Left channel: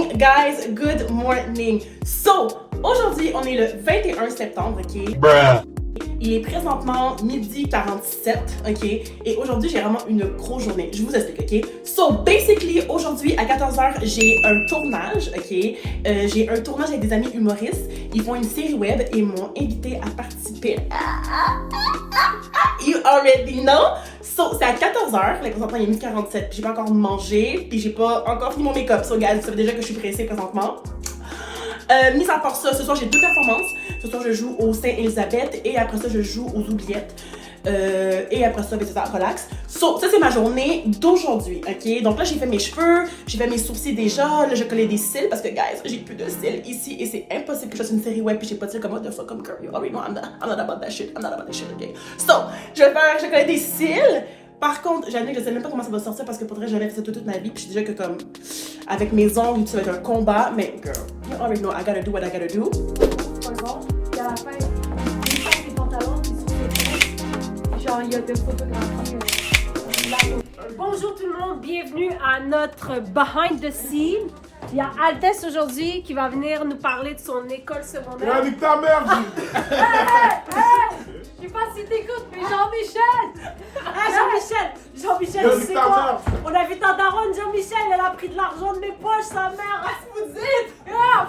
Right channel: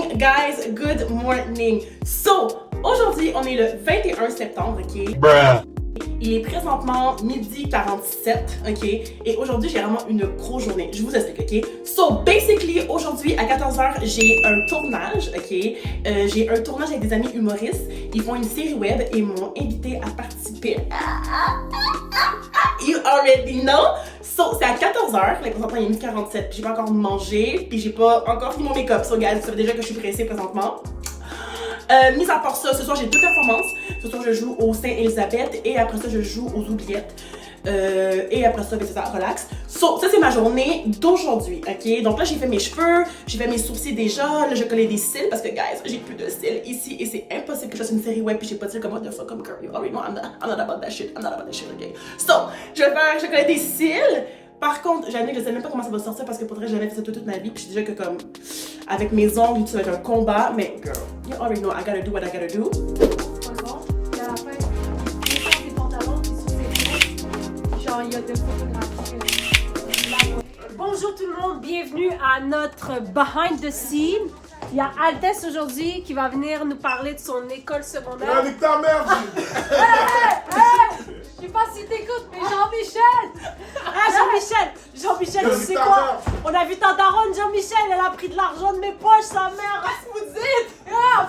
morning, guys. Good morning. So, aujourd'hui, on est le 21 septembre, ok? Bruh. Il est présentement midi 47, ok? Et aujourd'hui, j'ai vraiment une grosse journée. Je vous explique, ok? So, basically, aujourd'hui, à 14h, j'ai un tournage, ok? J'ai un tournage avec des amis humoristes. Ils font une série web et m'ont invité à participer. You already know! So, c'est à 14h, là, présentement, il est midi 47, j'ai pas encore mangé, puis j'ai pas encore fini mon make-up. So, guys, vous savez déjà que je suis pressée présentement. Mis à part ça, ce soir j'ai deux performances. Ce soir je joue au Saint-Élisabeth et après ça je joue aux Oubliettes. Et après ça, ben, c'est ça, relax. So, ça c'est ma journée d'aujourd'hui, ok? Donc là j'ai fait mes cheveux, j'ai fait mes sourcils déjà, là je collais des cils parce que guys, j'ai plus de cils ici et c'est impossible que je fasse une série web puis j'ai pas de cils comme what the fuck, comme girl, you already know I'm not about that shit, ok? So, je collais des cils. Par contre, j'admets que je sais même pas comment ça va sortir parce que pourrait j'avais fait ça toute ma vie puis je suis déjà que comme avec mes ongles, ça va être un combat, mais girl, you already know I gotta do what I gotta do. Et à la fin, il sort des pantalons qui sont faits. Genre, il y a des photographies. Bonjour tout le monde, bienvenue à notre behind the scene. Il y a Altesse aujourd'hui qui va venir nous parler de son école secondaire. Nique ta mère! Je sais pas si t'écoutes, mais Jean-Michel! Jean-Michel, tu sais quoi? On a vu ta daronne, Jean-Michel, elle a pris de l'argent de mes poches, sa mère, vous dites!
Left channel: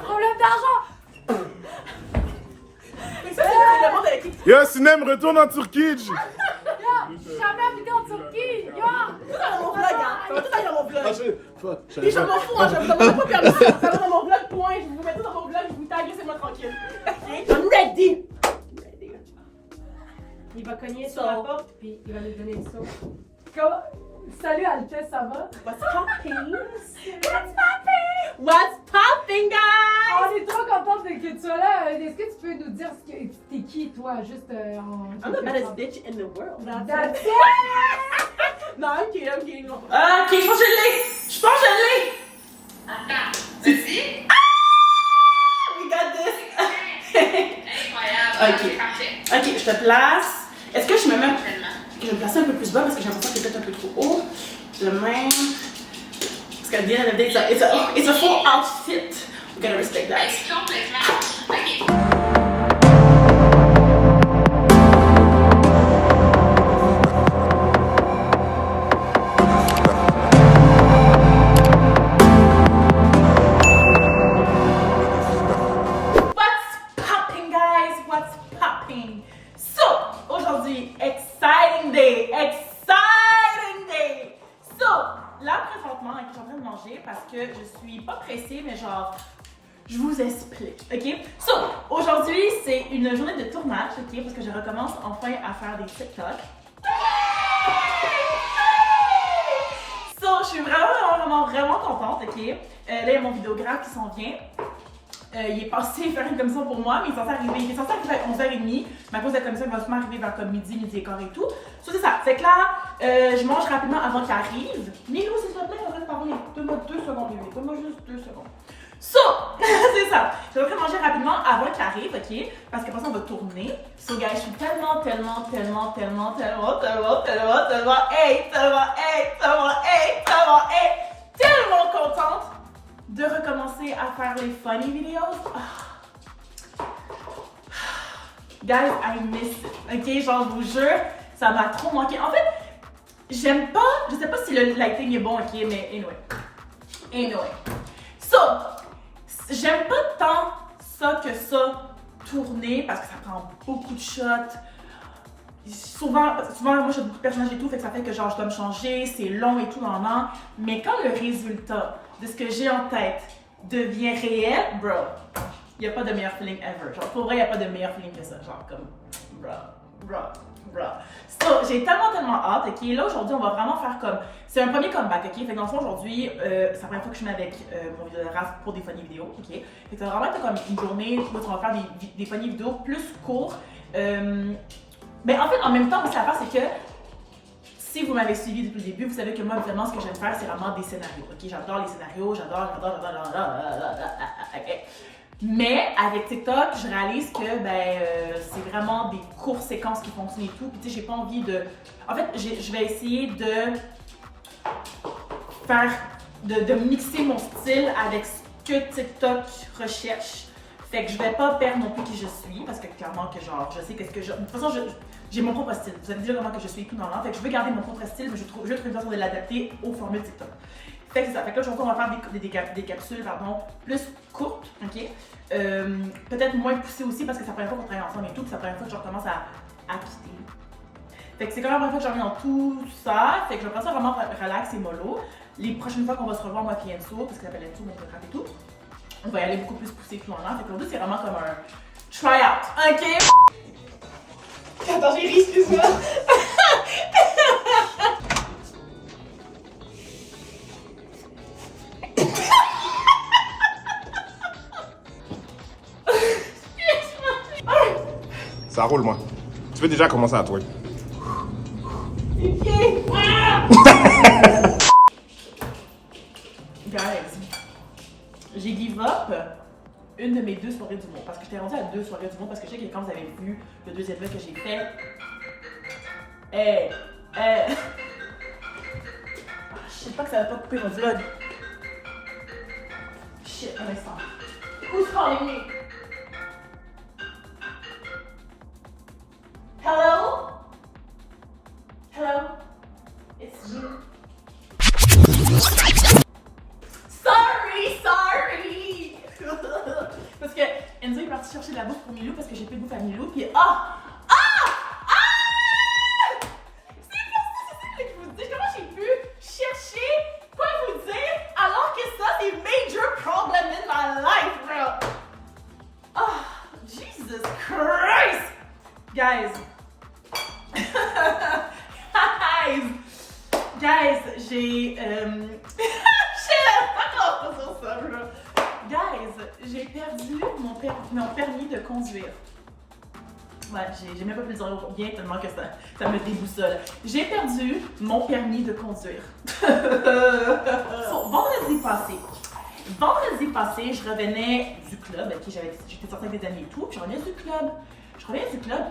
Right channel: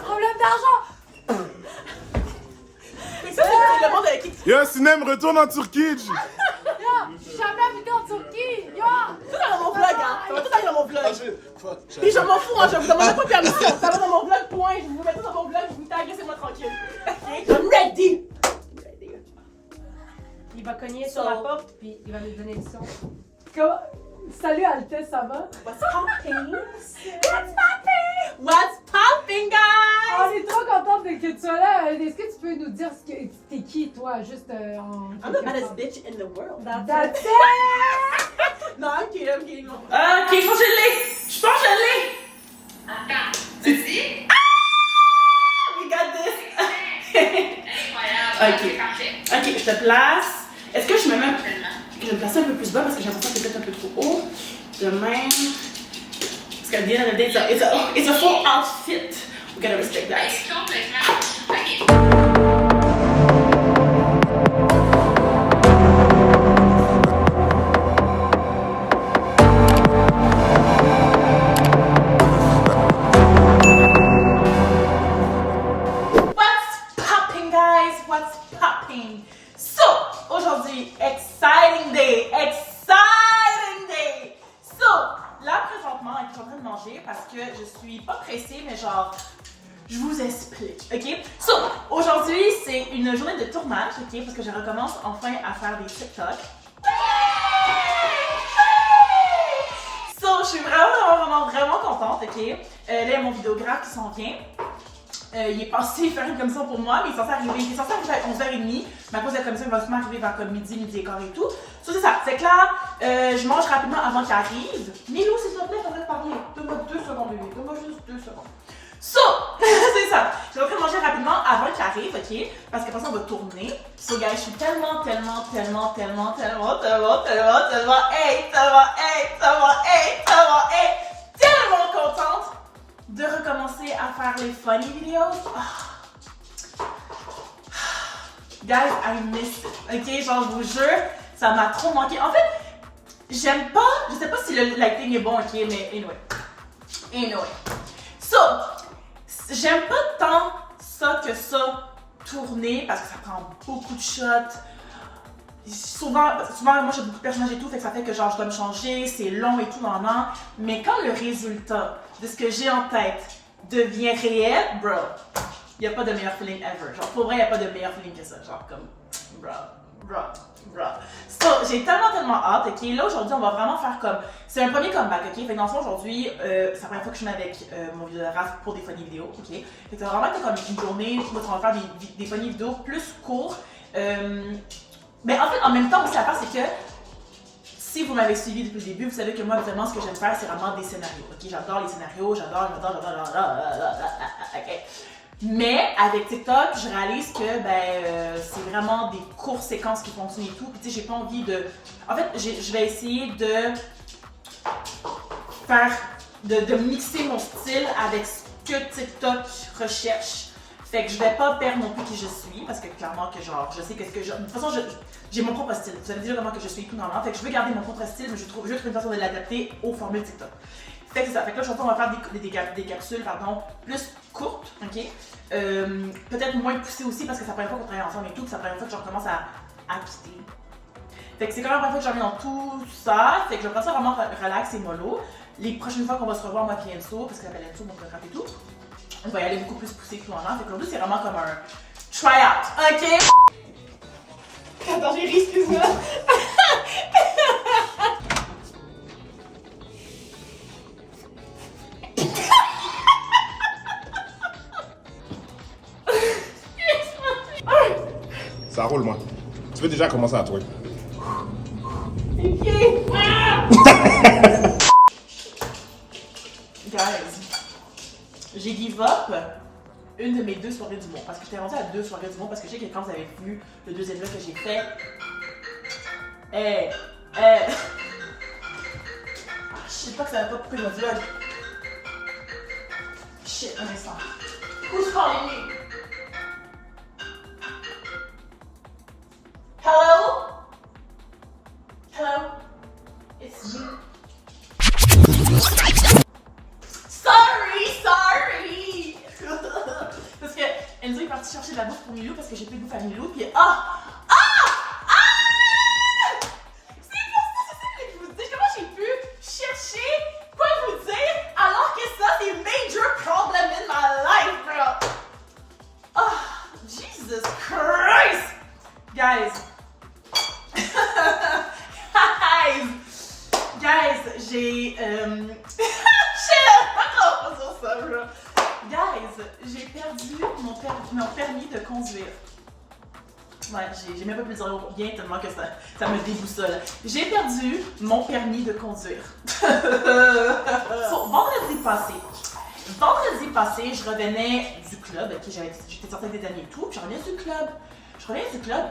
Problème d'argent! Mais ça, c'est le monde avec qui Yo, Sinem, retourne en Turquie! Jamais habité en Turquie! tout dans mon vlog, hein! Ça va tout aller dans mon vlog! Puis je m'en fous, hein, je vous demande pas permission! Ça va dans mon vlog, point! Je vous mets tout dans mon vlog, je vous tag, laissez-moi tranquille! Ok? I'm ready! Il va cogner sur la porte, puis il va nous donner le son. Salut Altesse, ça va? What's popping? What's popping, guys? On est trop contente que tu sois là. Est-ce que tu peux nous dire t'es qui, toi, juste en... I'm the baddest bitch in the world. That's it! Non, I'm kidding. Ok, je pense que je l'ai! Attends, vas-y. We got this! Incroyable. Ok. Ok, je te place. Est-ce que je me mets... Je vais me placer un peu plus bas parce que j'ai l'impression que c'est peut-être un peu trop haut. De même. Parce qu'à the end of the day, it's a full outfit. We gotta respect that. Complètement. OK. What's popping? So, aujourd'hui, exciting day! So, là, présentement, je suis en train de manger parce que je suis pas pressée, mais genre, je vous explique, ok? So, aujourd'hui, c'est une journée de tournage, ok? Parce que je recommence enfin à faire des TikTok. So, je suis vraiment contente, ok? Là, il y a mon vidéographe qui s'en vient. Il est passé faire une commission pour moi, mais il est censé arriver à 11h30. Mais à cause de la commission, il va sûrement arriver vers comme midi et quart et tout. So, c'est ça. Fait que là, je mange rapidement avant qu'il arrive. Milou, s'il te plaît, on va te parler. Donne-moi 2 secondes, bébé. Donne-moi juste 2 secondes. So, c'est ça. Je vais manger rapidement avant qu'il arrive, ok? Parce qu'après ça, on va tourner. So, guys, je suis tellement contente de recommencer à faire les funny videos. Guys, I miss it. Ok, genre, je vous jure, ça m'a trop manqué. En fait, j'aime pas, je sais pas si le lighting est bon, ok, mais anyway. So, j'aime pas tant ça que ça tourner parce que ça prend beaucoup de shots. Souvent, moi j'ai beaucoup de personnages et tout, fait que ça fait que genre je dois me changer, c'est long et tout, non. Mais quand le résultat de ce que j'ai en tête devient réel, bro, y a pas de meilleur feeling ever. Genre, pour vrai, y a pas de meilleur feeling que ça. Genre, comme, bro. So, j'ai tellement hâte, ok? Là, aujourd'hui, on va vraiment faire comme. C'est un premier comeback, ok? Fait que dans le fond, aujourd'hui, c'est la première fois que je suis avec mon vidéographe pour des funny vidéos, ok? Fait que ça va vraiment être comme une journée où on va faire des funny vidéos plus courts. Mais en fait, en même temps, aussi, l'affaire, c'est que si vous m'avez suivi depuis le début, vous savez que moi, vraiment, ce que j'aime faire, c'est vraiment des scénarios. Ok, j'adore les scénarios, j'adore. Ok. Mais avec TikTok, je réalise que c'est vraiment des courtes séquences qui fonctionnent et tout. Puis tu sais, j'ai pas envie de. En fait, je vais essayer de faire, de mixer mon style avec ce que TikTok recherche. Fait que je vais pas perdre non plus qui je suis, parce que clairement que genre, je sais qu'est-ce que je... De toute façon, j'ai mon propre style. Vous savez déjà comment que je suis tout dans l'an. Fait que je veux garder mon propre style, mais je veux trouver une façon de l'adapter aux formules TikTok. Fait que c'est ça. Fait que là, on va faire des capsules, pardon, plus courtes, ok? Peut-être moins poussées aussi, parce que ça prend une fois qu'on travaille ensemble et tout, puis ça prend une fois que je recommence à quitter. Fait que c'est quand même la première fois que je reviens dans tout ça. Fait que je vais prendre ça vraiment relax et mollo. Les prochaines fois qu'on va se revoir, moi et Enzo, parce qu'il appelle Enzo, mon photographe et tout, on va y aller beaucoup plus poussé que tout en an. Fait qu'aujourd'hui, c'est vraiment comme un try-out, ok? Attends, j'ai ri, excuse-moi. Ça roule, moi. Tu veux déjà commencer à toi. Guys, j'ai give up une de mes 2 soirées du monde. Parce que j'étais rendue à 2 soirées du monde. Parce que je sais que quand vous avez vu le deuxième vlog que j'ai fait, je sais pas que ça va pas couper le vlog. Shit, un instant. Who's calling me? Hello? Hello? It's you. Sorry! Parce que Enzo est parti chercher de la bouffe pour Milou parce que j'ai plus de bouffe à Milou. Puis c'est pour ça que je vous dis comment j'ai pu chercher quoi vous dire alors que ça c'est major problem in my life, bro. Jesus Christ! Guys, j'ai j'ai perdu mon permis de conduire. Ouais, j'ai même pas pu le dire bien tellement que ça me déboussole. J'ai perdu mon permis de conduire. Vendredi passé, je revenais du club. Okay, j'étais sortie avec des amis et tout, puis je revenais du club.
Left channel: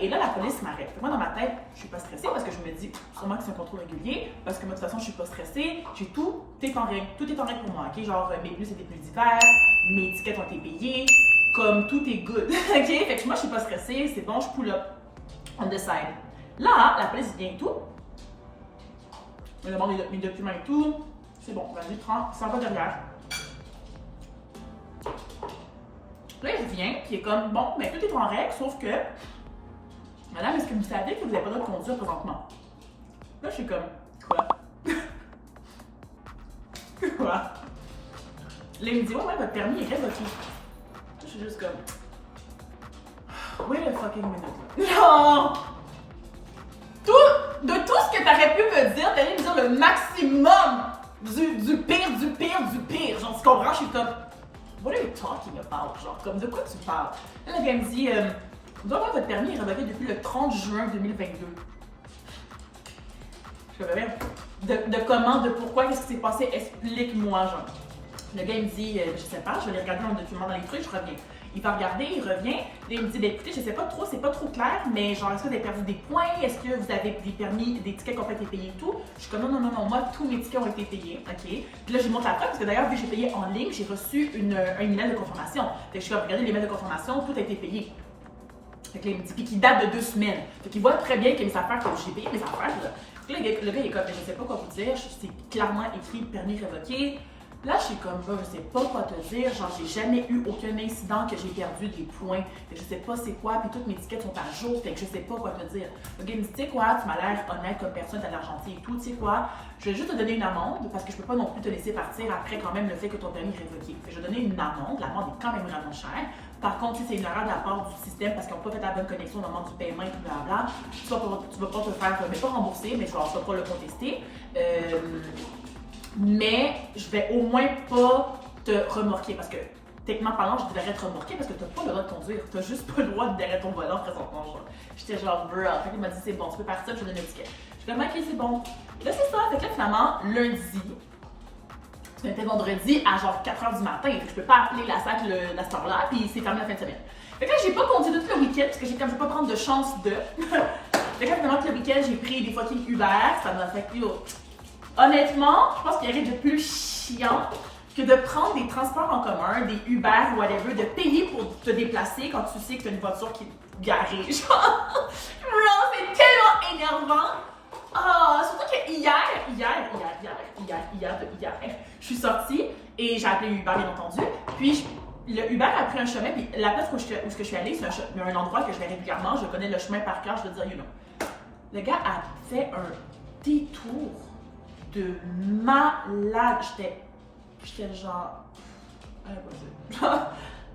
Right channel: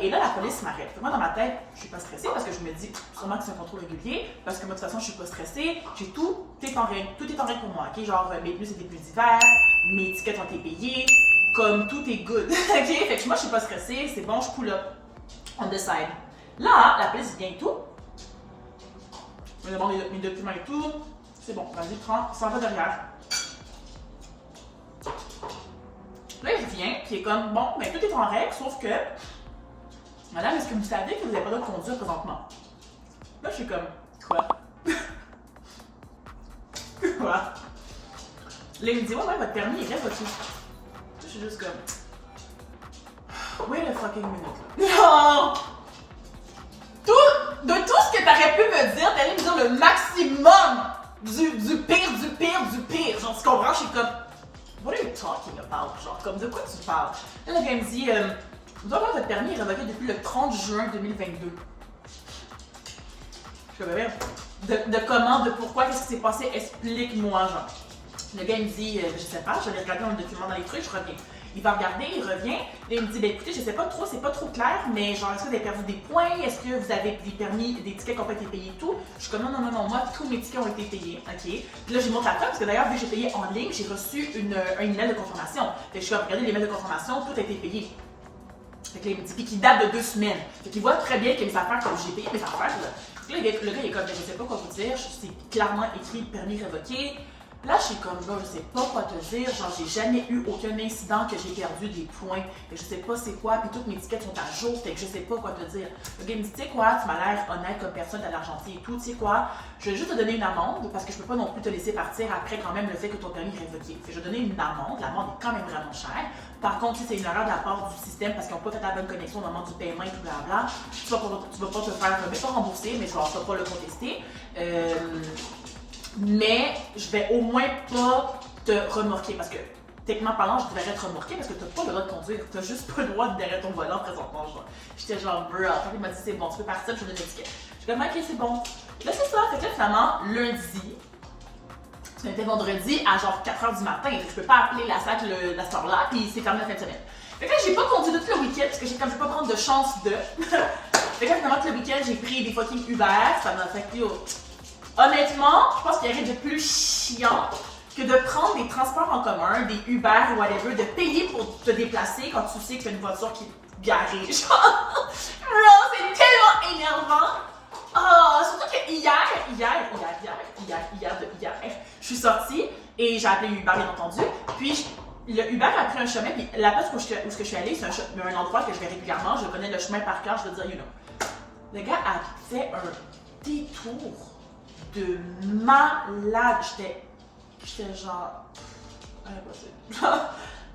Et là, la police m'arrête. Moi, dans ma tête, je suis pas stressée parce que je me dis sûrement que c'est un contrôle régulier. Parce que moi, de toute façon, je suis pas stressée. Tout est en règle. Tout est en règle pour moi, ok? Genre, mes pneus, c'est des pneus d'hiver. Mes tickets ont été payés. Comme tout est good, ok? Fait que moi, je suis pas stressée. C'est bon, je pull up. On decide. Là, la police vient et tout. Me demande mes documents et tout. C'est bon, vas-y, prends. Ça va derrière. Là, il vient, puis il est comme, bon, ben tout est en règle, sauf que, madame, est-ce que vous savez que vous n'avez pas le droit de conduire présentement? Là, je suis comme, quoi? Quoi? Là, il me dit, ouais, votre permis est révoqué. Là, je suis juste comme, wait a fucking minute. Non! De tout ce que t'aurais pu me dire, t'allais me dire le maximum du pire. Genre, tu comprends? Je suis comme, what are you talking about? Genre, comme de quoi tu parles? Là, le gars me dit, vous devez avoir votre permis révoqué depuis le 30 juin 2022. Je sais pas, de comment, de pourquoi, qu'est-ce qui s'est passé? Explique-moi, genre. Le gars, il me dit, je sais pas, je vais aller regarder dans le document dans les trucs, je reviens. Il va regarder, il revient. Là, il me dit, ben écoutez, je sais pas trop, c'est pas trop clair, mais genre, est-ce que vous avez perdu des points? Est-ce que vous avez des permis, des tickets qui ont été payés et tout? Je suis comme, non, moi, tous mes tickets ont été payés, ok? Puis là, j'ai montré la preuve, parce que d'ailleurs, vu que j'ai payé en ligne, j'ai reçu un email de confirmation. Fait que je suis comme, regardez l'email de confirmation, tout a été payé. Fait que là, il me dit, puis qui date de 2 semaines. Fait qu'il voit très bien que mes affaires, comme j'ai payé mes affaires, là. Puis là, le gars, il est comme, je sais pas quoi vous dire, c'est clairement écrit permis révoqué. Là, je suis comme, je sais pas quoi te dire, genre, j'ai jamais eu aucun incident que j'ai perdu des points, et je sais pas c'est quoi, puis toutes mes tickets sont à jour, fait que je sais pas quoi te dire. Le gars me dit, tu sais quoi, tu m'as l'air honnête comme personne, t'as l'air gentil et tout, tu sais quoi, je vais juste te donner une amende, parce que je peux pas non plus te laisser partir après quand même le fait que ton permis est révoqué. Fait que je vais donner une amende, l'amende est quand même vraiment chère. Par contre, si c'est une erreur de la part du système, parce qu'ils n'ont pas fait la bonne connexion au moment du paiement et tout blabla, tu vas pas te faire, mais pas rembourser, mais genre, tu vas pas le contester. Mais je vais au moins pas te remorquer parce que techniquement parlant, je devrais te remorquer parce que t'as pas le droit de conduire. T'as juste pas le droit de derrière ton volant présentement. J'étais genre, bruh. En fait, il m'a dit, c'est bon, tu peux partir, je te donne une étiquette. Je suis comme, ok, c'est bon. Là, c'est ça. Fait que là, finalement, lundi, c'était vendredi à genre 4h du matin. Fait que je peux pas appeler la SAC la cette heure-là, puis c'est fermé la fin de semaine. Fait que là, j'ai pas conduit tout le week-end parce que j'ai comme, je vais pas prendre de chance de. Fait que là, finalement, tout le week-end, j'ai pris des fucking Uber. Ça m'a fait que, honnêtement, je pense qu'il y a rien de plus chiant que que de prendre des transports en commun, des Uber ou whatever, de payer pour te déplacer quand tu sais que tu as une voiture qui est garée. Genre, bro, c'est tellement énervant. Ah, surtout que hier, je suis sortie et j'ai appelé Uber, bien entendu. Puis le Uber a pris un chemin, puis la place où je suis allée, c'est un endroit que je vais régulièrement, je connais le chemin par cœur, je veux dire, you know. Le gars a fait un détour de malade. J'étais genre, impossible.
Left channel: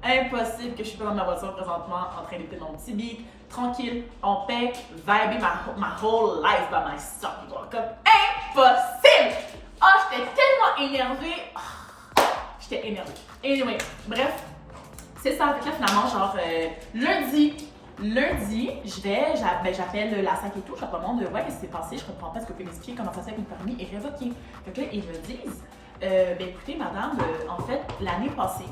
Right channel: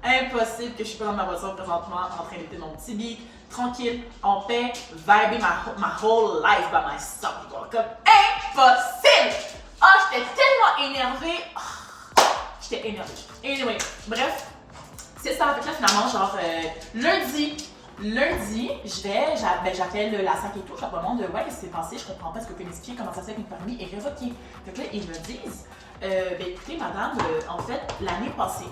Impossible que je suis pas dans ma voiture présentement en train d'écouter mon petit beat, tranquille, en paix, vibing my whole life by myself. Comme impossible! Ah, j'étais tellement énervée. J'étais énervée. Anyway, bref, c'est ça. Fait que là, finalement, genre, lundi, j'appelle la SAC et tout. Je leur demande, ouais, qu'est-ce qui s'est passé? Je comprends pas. Est-ce que vous pouvez m'expliquer comment ça se fait que mon permis est révoqué? Fait que là, ils me disent, écoutez, madame, en fait, l'année passée,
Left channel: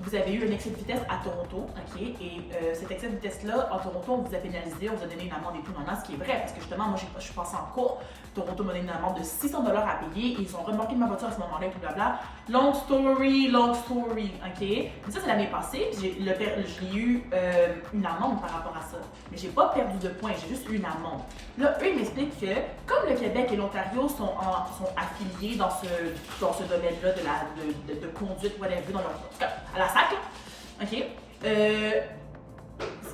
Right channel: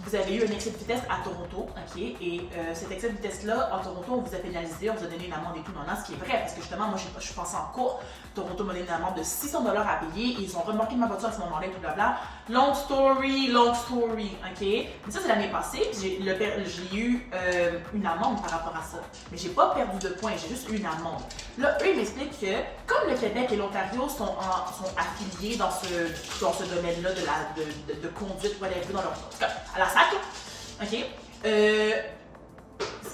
vous avez eu un excès de vitesse à Toronto, ok? Et cet excès de vitesse-là, à Toronto, on vous a pénalisé, on vous a donné une amende et tout, non, ce qui est vrai, parce que justement, moi, je suis passée en cours. Toronto m'a donné une amende de 600 $ à payer. Et ils ont remorqué ma voiture à ce moment-là et tout blabla. Long story, ok? Mais ça, c'est l'année passée. J'ai eu une amende par rapport à ça. Mais j'ai pas perdu de points, j'ai juste eu une amende. Là, eux, ils m'expliquent que, comme le Québec et l'Ontario sont affiliés dans ce domaine-là de conduite, whatever, dans leur. En tout cas, à la SAC, ok?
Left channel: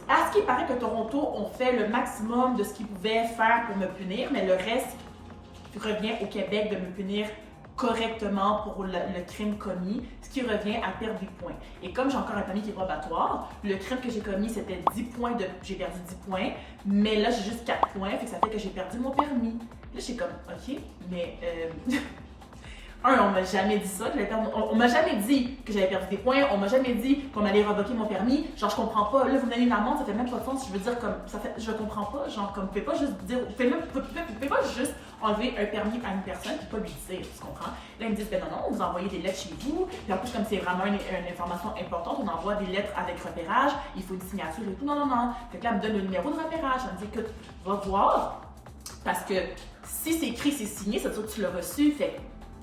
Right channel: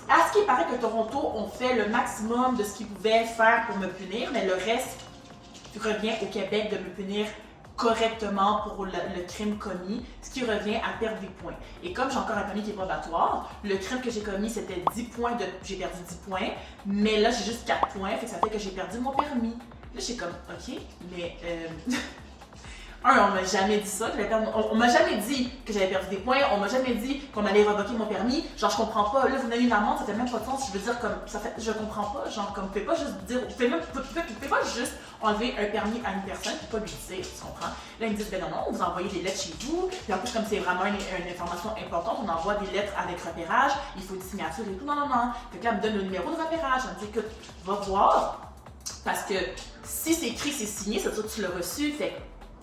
À ce qui paraît que Toronto ont fait le maximum de ce qu'ils pouvaient faire pour me punir, mais le reste revient au Québec de me punir correctement pour le crime commis, ce qui revient à perdre des points. Et comme j'ai encore un permis qui est probatoire, le crime que j'ai commis, c'était 10 points, j'ai perdu 10 points, mais là, j'ai juste 4 points, fait que ça fait que j'ai perdu mon permis. Là, j'ai comme, ok, mais... on m'a jamais dit ça, on m'a jamais dit que j'avais perdu des points, on m'a jamais dit qu'on allait revoquer mon permis. Genre, je comprends pas. Là, vous me donnez une amende, ça fait même pas de sens. Je veux dire, comme, ça fait, je comprends pas. Genre, comme, vous pouvez pas juste dire, vous pouvez pas juste enlever un permis à une personne et pas lui dire, tu comprends? Là, ils me disent, ben non, vous envoyez des lettres chez vous. Puis en plus, comme c'est vraiment une information importante, on envoie des lettres avec repérage, il faut une signature et tout. Non. Fait que là, elle me donne le numéro de repérage. Elle me dit, écoute, va voir. Parce que si c'est écrit, c'est signé, ça veut dire que tu l'as reçu. Fait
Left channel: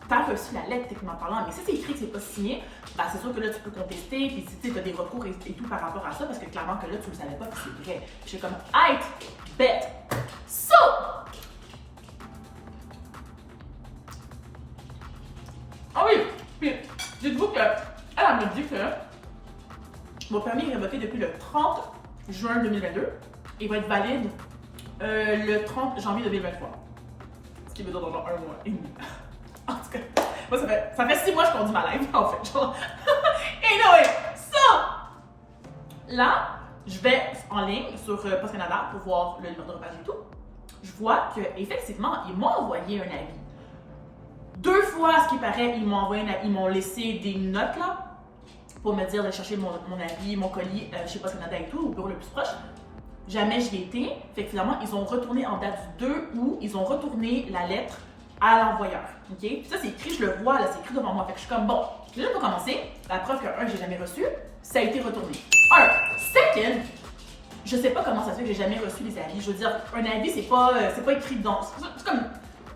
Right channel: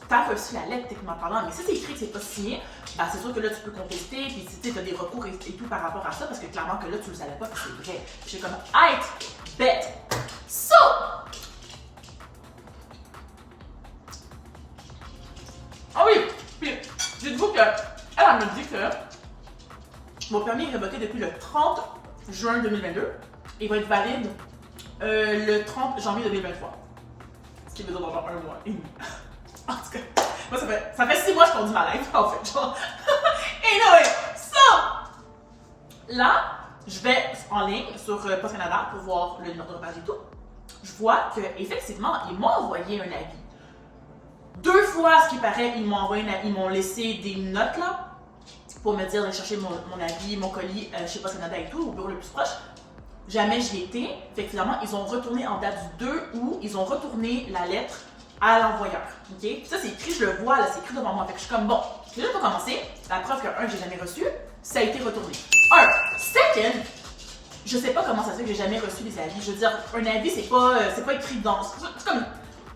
t'as reçu la lettre techniquement parlant, mais si c'est écrit que c'est pas signé, ben c'est sûr que là tu peux contester, puis tu as des recours et tout par rapport à ça, parce que clairement que là tu le savais pas que c'est vrai. Puis j'ai comme, aight, bet. So! Ah oui! Puis, dites-vous que, elle me dit que mon permis est révoqué depuis le 30 juin 2022 et il va être valide le 30 janvier 2023. Ce qui veut dire dans genre 1 mois et demi. En tout cas, moi, ça fait 6 mois que je conduis ma life, en fait, genre. Anyway, là, je vais en ligne sur Post Canada pour voir le numéro de repérage et tout. Je vois qu'effectivement, ils m'ont envoyé un avis. 2 fois, à ce qui paraît, ils m'ont laissé des notes, là, pour me dire d'aller chercher mon avis, mon colis chez Post Canada et tout, au bureau le plus proche. Jamais j'y étais. Fait que finalement, ils ont retourné en date du 2 août, ils ont retourné la lettre à l'envoyeur, ok? Puis ça, c'est écrit, je le vois, là, c'est écrit devant moi. Fait que je suis comme, bon, j'ai déjà pas commencé. La preuve que, 1, j'ai jamais reçu, ça a été retourné. 2, je sais pas comment ça se fait que j'ai jamais reçu les avis. Je veux dire, un avis, c'est pas écrit dans... C'est comme,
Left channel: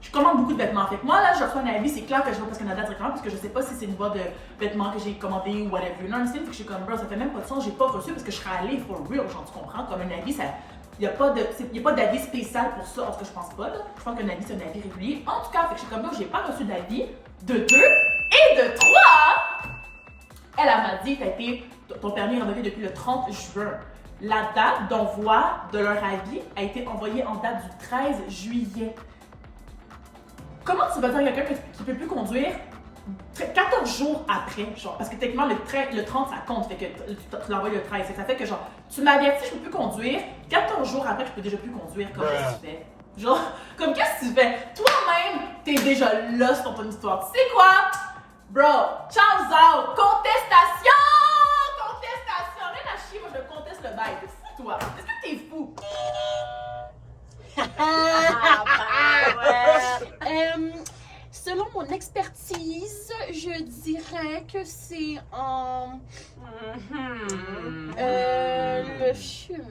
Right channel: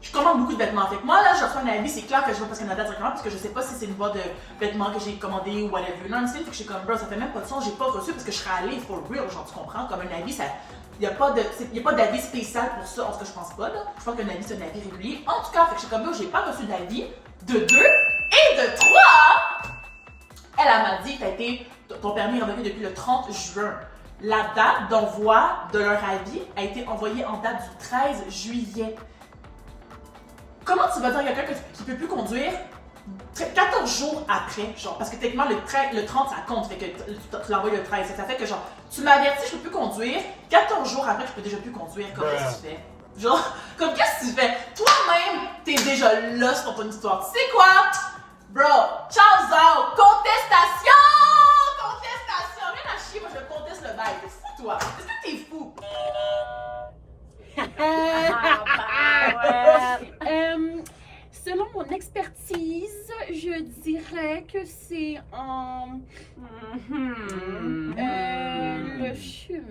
je commande beaucoup de vêtements. Fait que moi, là, je reçois un avis, c'est clair que je vais Post Canada directement, parce que je sais pas si c'est une boîte de vêtements que j'ai commandé ou whatever. Non, c'est fait que je suis comme, bro, ça fait même pas de sens, j'ai pas reçu parce que je serais allée for real, genre, tu comprends? Comme un avis, ça... Il n'y a pas d'avis spécial pour ça, en tout cas, je pense pas. Là. Je pense qu'un avis, c'est un avis régulier. En tout cas, fait que je suis comme, j'ai pas reçu d'avis de 2 et de 3. Elle m'a dit, ton permis est révoqué depuis le 30 juin. La date d'envoi de leur avis a été envoyée en date du 13 juillet. Comment tu vas dire à quelqu'un qui peut plus conduire 14 jours après, genre, parce que techniquement le 30 ça compte, fait que tu l'envoies le 13, ça fait que genre, tu m'avertis, je peux plus conduire, 14 jours après, je peux déjà plus conduire, comment qu'est-ce que tu fais? Genre, comme qu'est-ce que tu fais? Toi-même, t'es déjà lost dans ton histoire, tu sais quoi? Bro, ciao out, contestation! Contestation! Rien à chier, moi je conteste le bail, t'es fou toi, est-ce que t'es fou? Selon mon expertise, je dirais que c'est en le chou.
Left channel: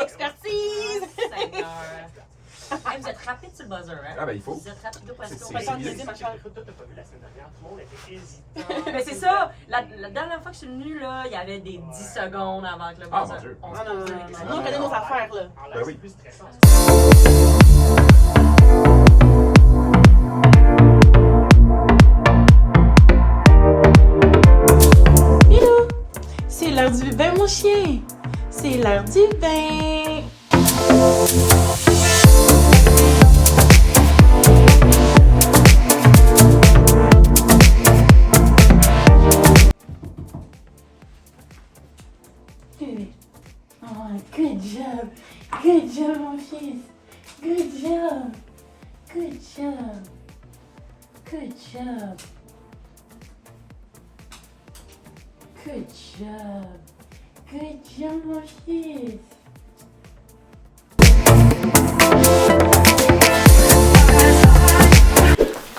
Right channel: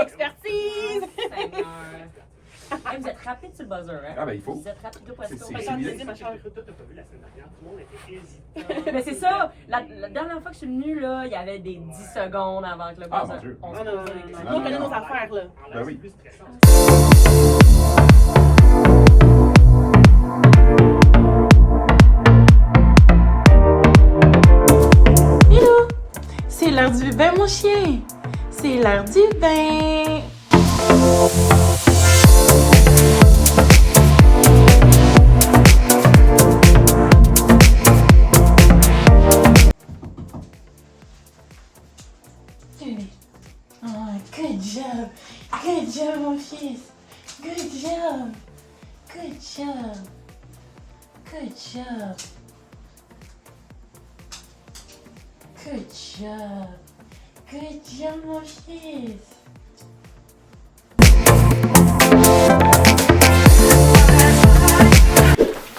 Expertise! Hey, vous êtes rapide sur le buzzer, hein? Ah, ben, il faut. Vous êtes rapido parce C'est- que... c'est bien. Mais c'est ça, la dernière fois que je suis venue, là, il y avait des 10 secondes avant que le Ah, buzzer... mon Dieu. On se Non, non, posait non, des non. questions. Nous, on connaît nos affaires, là. Ben oui. Hello! C'est l'heure du vin, mon chien! C'est l'heure du vin! Good. Oh, good job! Good job, mon fils! Good job! Good job! Good job! Good job! Good job, mon fils!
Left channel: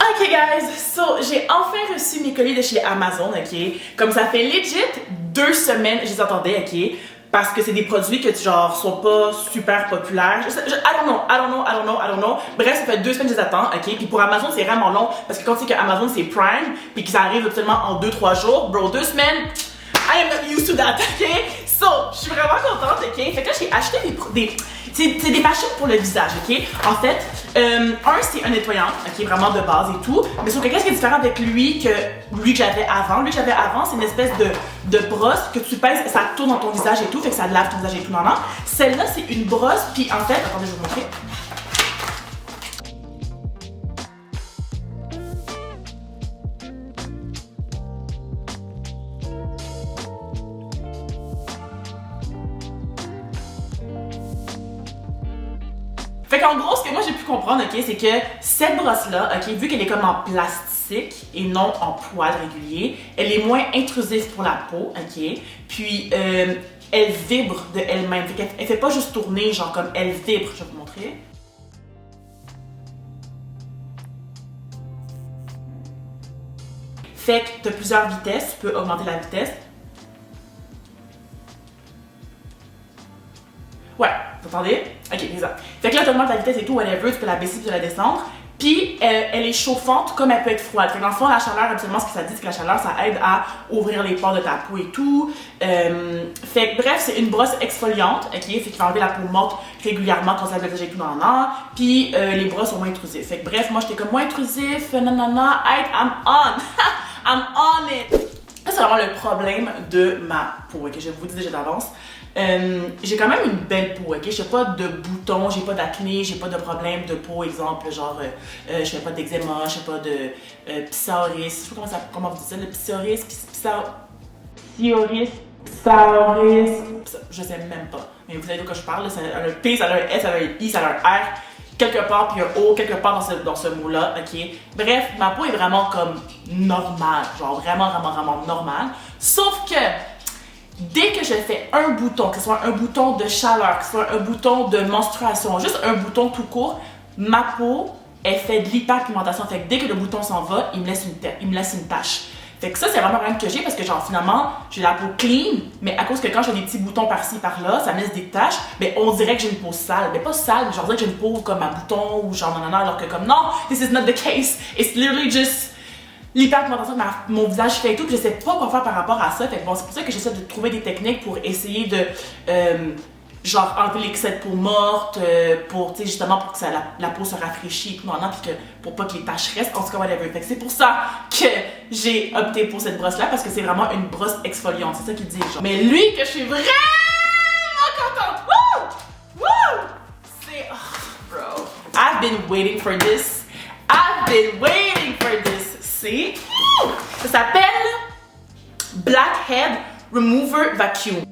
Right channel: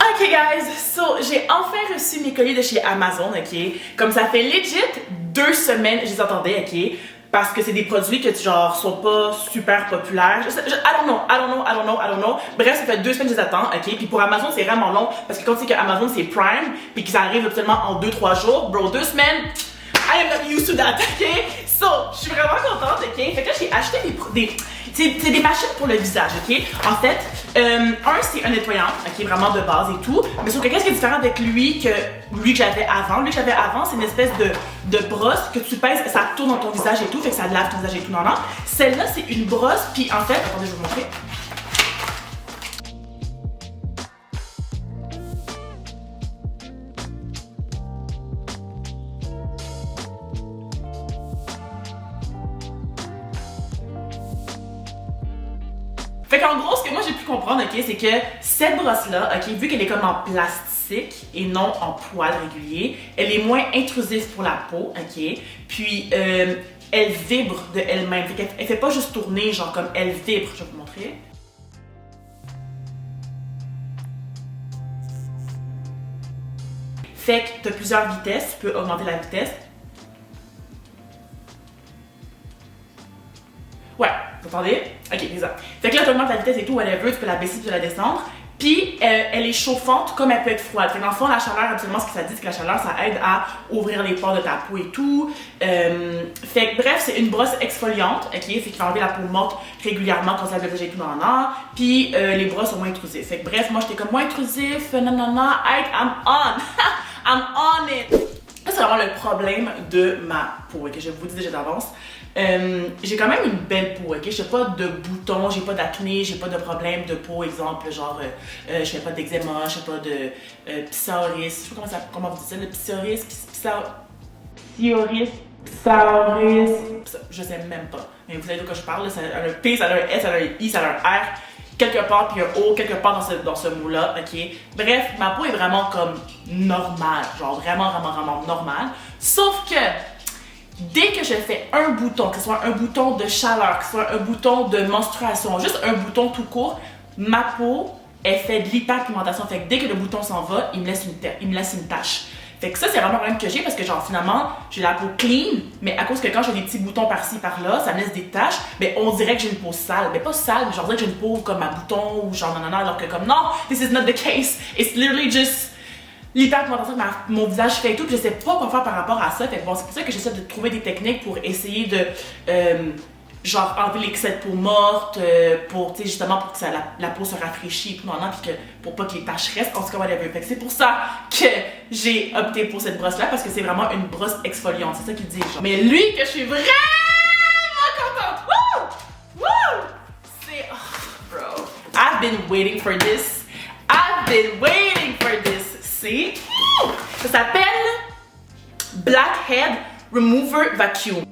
Ok guys, so j'ai enfin reçu mes colis de chez Amazon, ok? Comme ça fait legit 2 semaines, je les attendais, ok? Parce que c'est des produits que genre sont pas super populaires. I don't know. Bref, ça fait 2 semaines que je les attends, ok? Puis pour Amazon, c'est vraiment long parce que quand tu sais que Amazon c'est Prime, puis que ça arrive absolument en 2-3 jours, bro, 2 semaines, I am not used to that, ok? So, je suis vraiment contente, ok? Fait que là, j'ai acheté c'est des machines pour le visage, ok? En fait, c'est un nettoyant, ok? Vraiment de base et tout. Mais sauf que qu'est-ce qui est différent avec lui que j'avais avant? Lui que j'avais avant, c'est une espèce de brosse que tu pèses, ça tourne dans ton visage et tout, fait que ça lave ton visage et tout, non. Celle-là, c'est une brosse, puis en fait, attendez, je vais vous montrer. Fait qu'en gros, ce que moi j'ai pu comprendre, ok, c'est que cette brosse-là, ok, vu qu'elle est comme en plastique et non en poil régulier, elle est moins intrusive pour la peau, ok, puis elle vibre de elle-même, fait qu'elle fait pas juste tourner, genre comme elle vibre, je vais vous montrer. Fait que t'as plusieurs vitesses, tu peux augmenter la vitesse. Ouais, vous entendez? Ok, exact. Fait que là, tu augmentes la vitesse et tout, whatever, tu peux la baisser, tu peux la descendre. Puis, elle est chauffante comme elle peut être froide. Fait que dans le fond, la chaleur, absolument, ce que ça dit, c'est que la chaleur, ça aide à ouvrir les pores de ta peau et tout. Fait que bref, c'est une brosse exfoliante, ok? Fait qu'il faut enlever la peau morte régulièrement quand on se lave le visage et tout, nan. Puis, les brosses sont moins intrusives. Fait que bref, moi, j'étais comme moins intrusif, nanana, I'm on! I'm on it! Ça, c'est vraiment le problème de ma peau, ok? Je vous dis déjà d'avance. J'ai quand même une belle peau, ok? J'ai pas de boutons, j'ai pas d'acné, j'ai pas de problème de peau, exemple, genre, je fais pas d'eczéma, je fais pas de psoriasis, je sais pas comment vous dites ça, le psoriasis, je sais même pas, mais vous savez de quoi je parle, là, ça a un P, ça a un S, ça a un I, ça a un R, quelque part, puis un O, quelque part dans ce mot-là, ok? Bref, ma peau est vraiment comme normale, genre vraiment normale, sauf que dès que je fais un bouton, que ce soit un bouton de chaleur, que ce soit un bouton de menstruation, juste un bouton tout court, ma peau, elle fait de l'hyperpigmentation. Fait que dès que le bouton s'en va, il me laisse une tache. Fait que ça, c'est vraiment un problème que j'ai parce que genre finalement, j'ai la peau clean, mais à cause que quand j'ai des petits boutons par-ci, par-là, ça me laisse des taches, mais on dirait que j'ai une peau sale. Mais pas sale, mais genre on dirait que j'ai une peau comme à bouton ou genre nanana, alors que comme non, this is not the case. It's literally just l'hyperpigmentation que mon visage fait et tout, puis je sais pas quoi faire par rapport à ça. Fait que bon, c'est pour ça que j'essaie de trouver des techniques pour essayer de genre enlever l'excès de peau morte, pour, tu sais, justement pour que la peau se rafraîchisse et tout, puis que pour pas que les taches restent, en tout cas, whatever. Fait que c'est pour ça que j'ai opté pour cette brosse-là, parce que c'est vraiment une brosse exfoliante, c'est ça qu'il dit, genre. Mais lui, que je suis vraiment contente! Woo! Woo! C'est... Oh, bro. I've been waiting for this. C'est... Ça s'appelle Blackhead Remover Vacuum.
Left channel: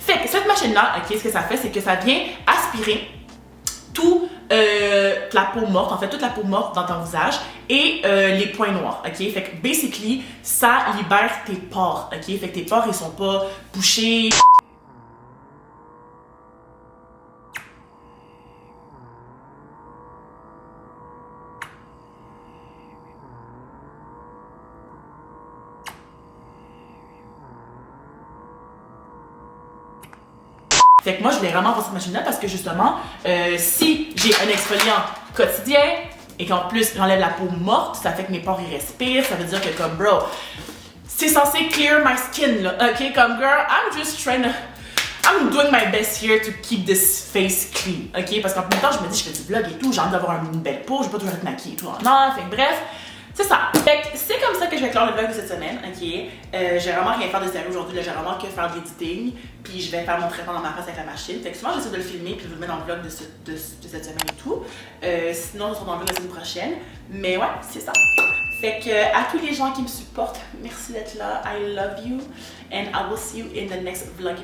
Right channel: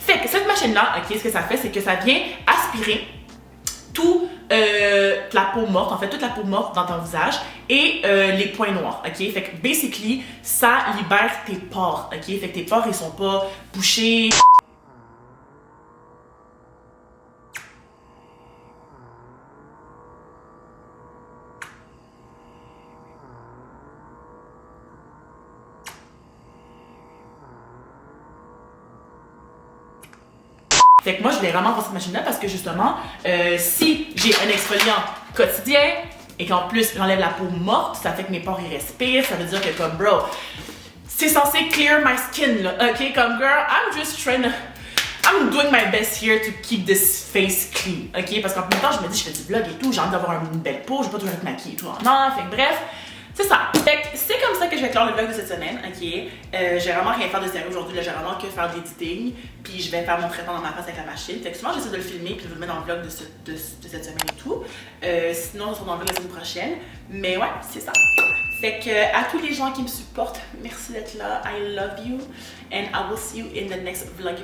Fait que cette machine-là, ok, ce que ça fait, c'est que ça vient aspirer toute la peau morte, en fait, toute la peau morte dans ton visage et les points noirs, ok? Fait que, basically, ça libère tes pores, ok? Fait que tes pores, ils sont pas bouchés. Fait que moi, je voulais vraiment avoir cette machine-là parce que justement, si j'ai un exfoliant quotidien et qu'en plus, j'enlève la peau morte, ça fait que mes pores, ils respirent. Ça veut dire que comme, bro, c'est censé clear my skin, là. OK? Comme, girl, I'm doing my best here to keep this face clean, ok? Parce qu'en même temps, je me dis, je fais du vlog et tout, j'ai envie d'avoir une belle peau, je vais pas toujours être maquillée et tout. Non, fait que bref, c'est ça. Fait que c'est comme ça que je vais clore le vlog de cette semaine, ok? J'ai vraiment rien faire de sérieux aujourd'hui, là, j'ai vraiment que faire de l'editing, puis je vais faire mon traitement dans ma face avec la machine. Fait que souvent, j'essaie de le filmer puis de vous le mettre dans le vlog de cette semaine et tout. Sinon, je serai dans le vlog la semaine prochaine. Mais ouais, c'est ça. Fait que à tous les gens qui me supportent, merci d'être là. I love you and I will see you in the next vlog.